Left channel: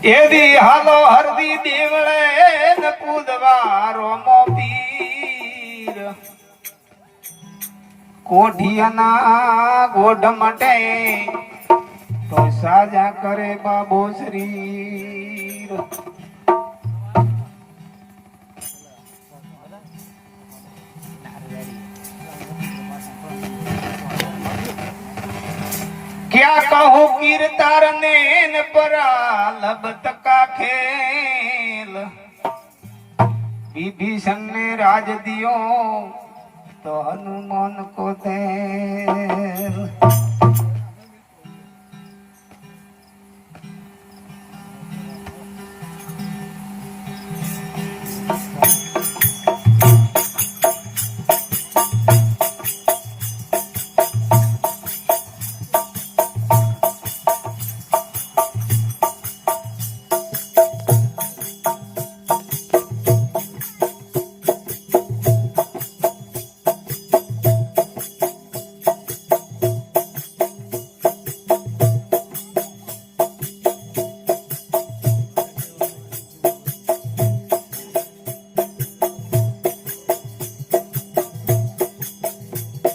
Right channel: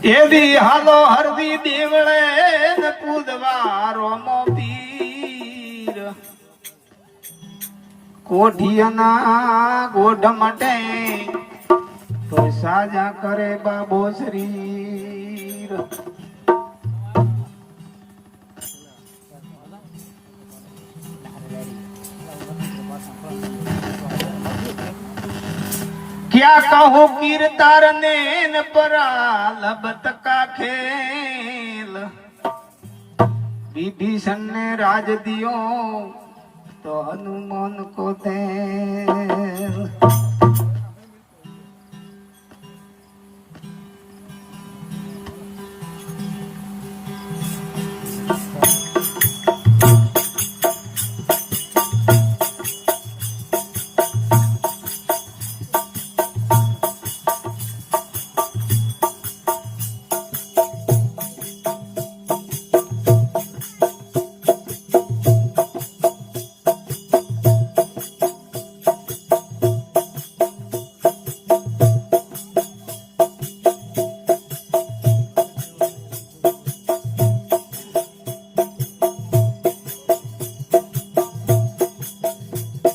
એવી હાલો હરદી દેવળે ને પૂજવા રોમો પીર કોઠિયાના ગોઢ માટે તો સાજા કરે બાબો શરીર क्या कहो कीर्तार नेन परा लबत का खेल विभीषण ने राज दियो तो हनुमान को तेल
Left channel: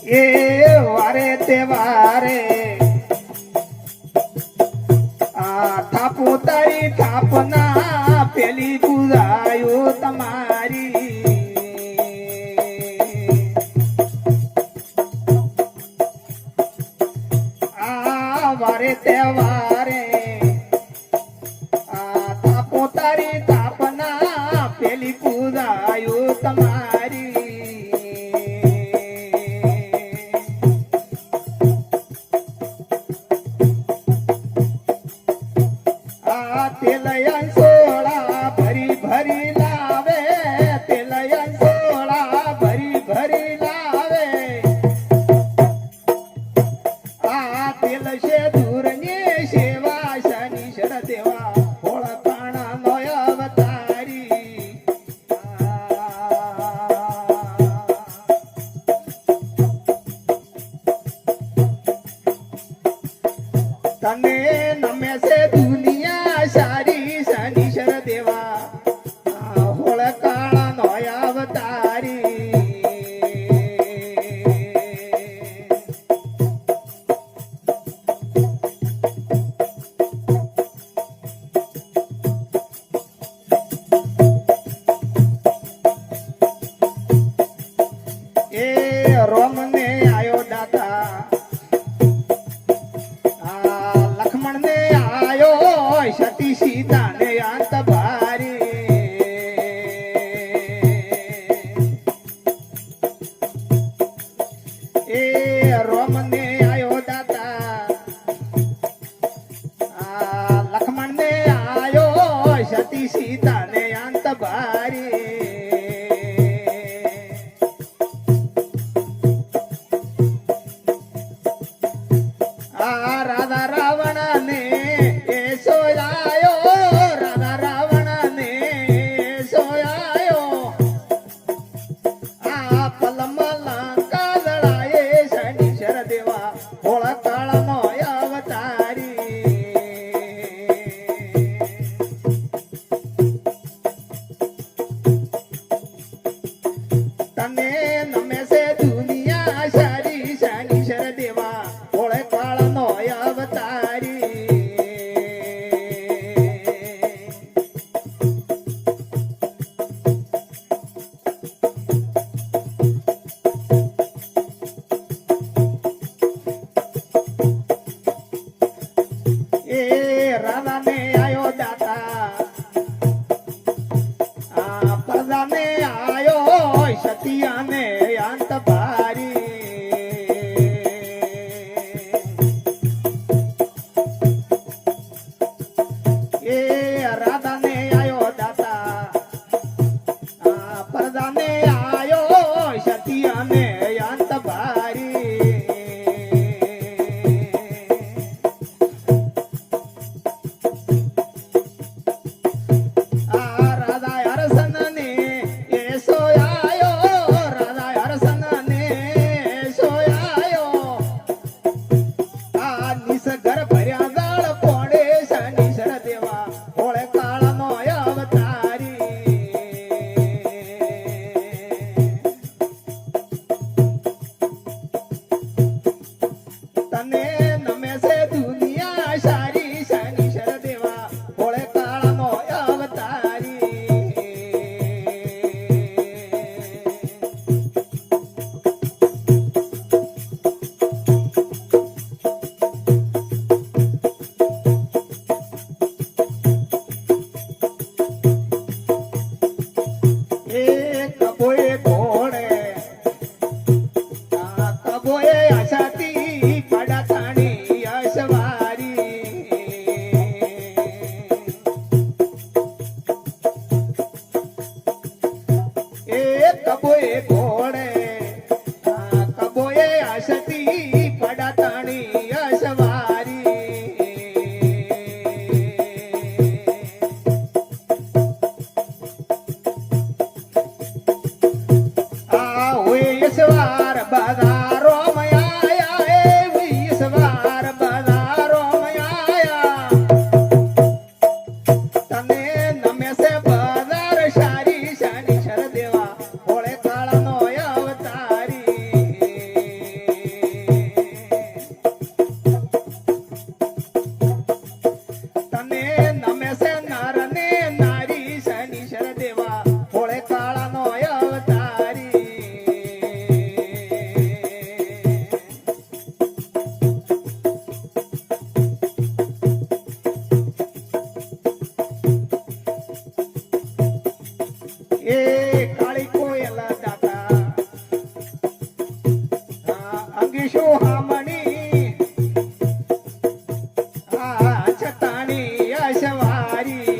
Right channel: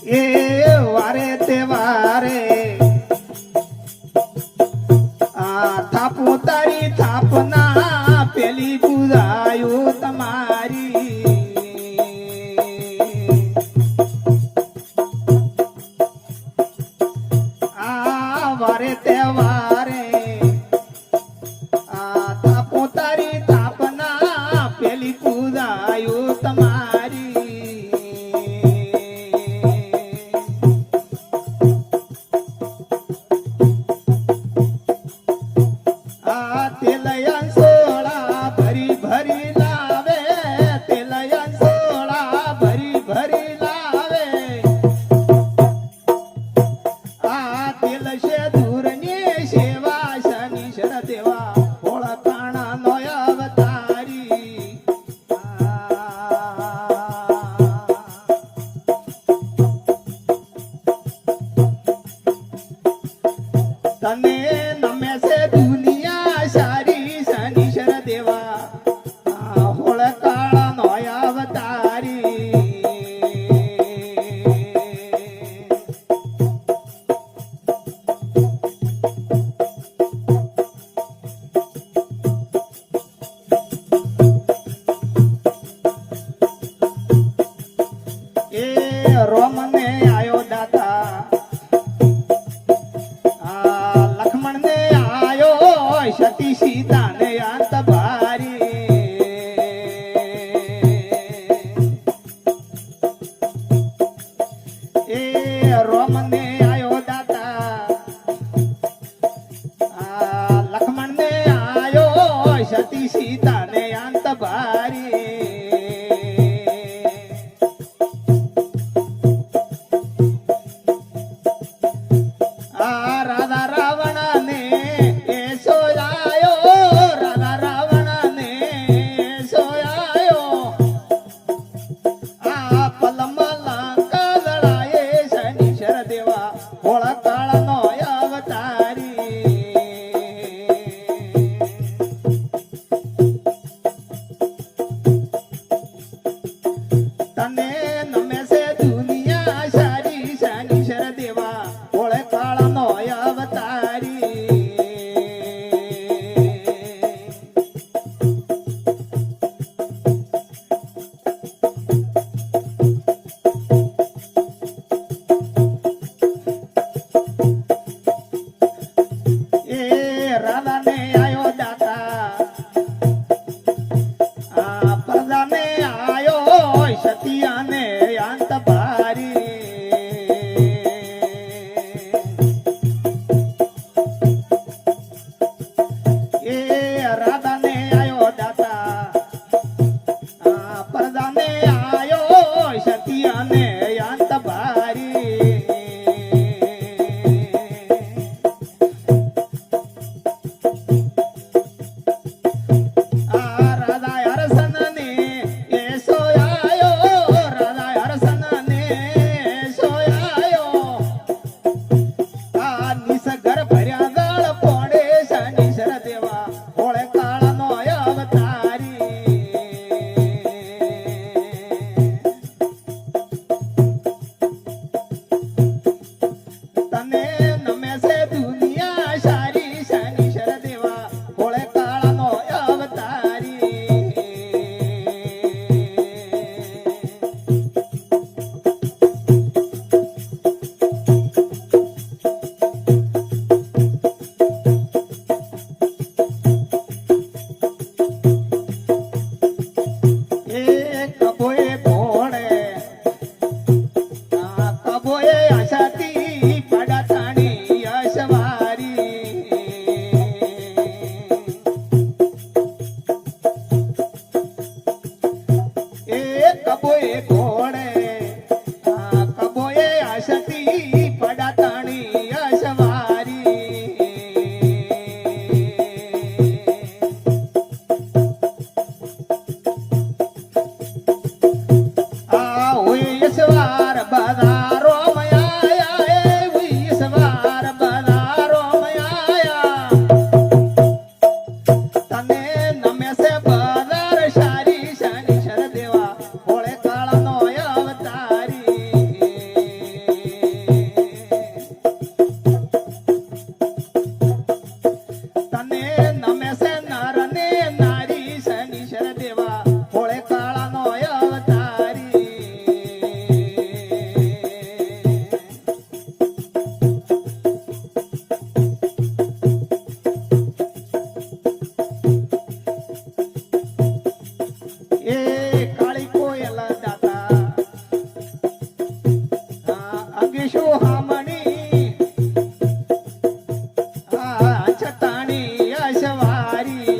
वारे तेवारे थापू तारी थापना पेली पूजायो तमारी वारे तेवारे थापू तारी थापना पेली पूजायो तमारी तने नम्या से दुनिया सारी शनीश्वर देवा होळ काळा नोया अवतारी ए रोम ने आयो दाता सती सीता ने अंत भारी ए रोम ने आयो दाता लक्ष्मण ने आयो सती सीता ने अंत भारी राधा रावण ने राधा ने आयो दाता प्रजा ने आयो सतिया ने अंत भारी ए राधा ने आयो दाता प्रजा ने आयो सतिया ने अंत भारी घर भर्या गाळ पोडे शनीश्वर देवा होळे મારી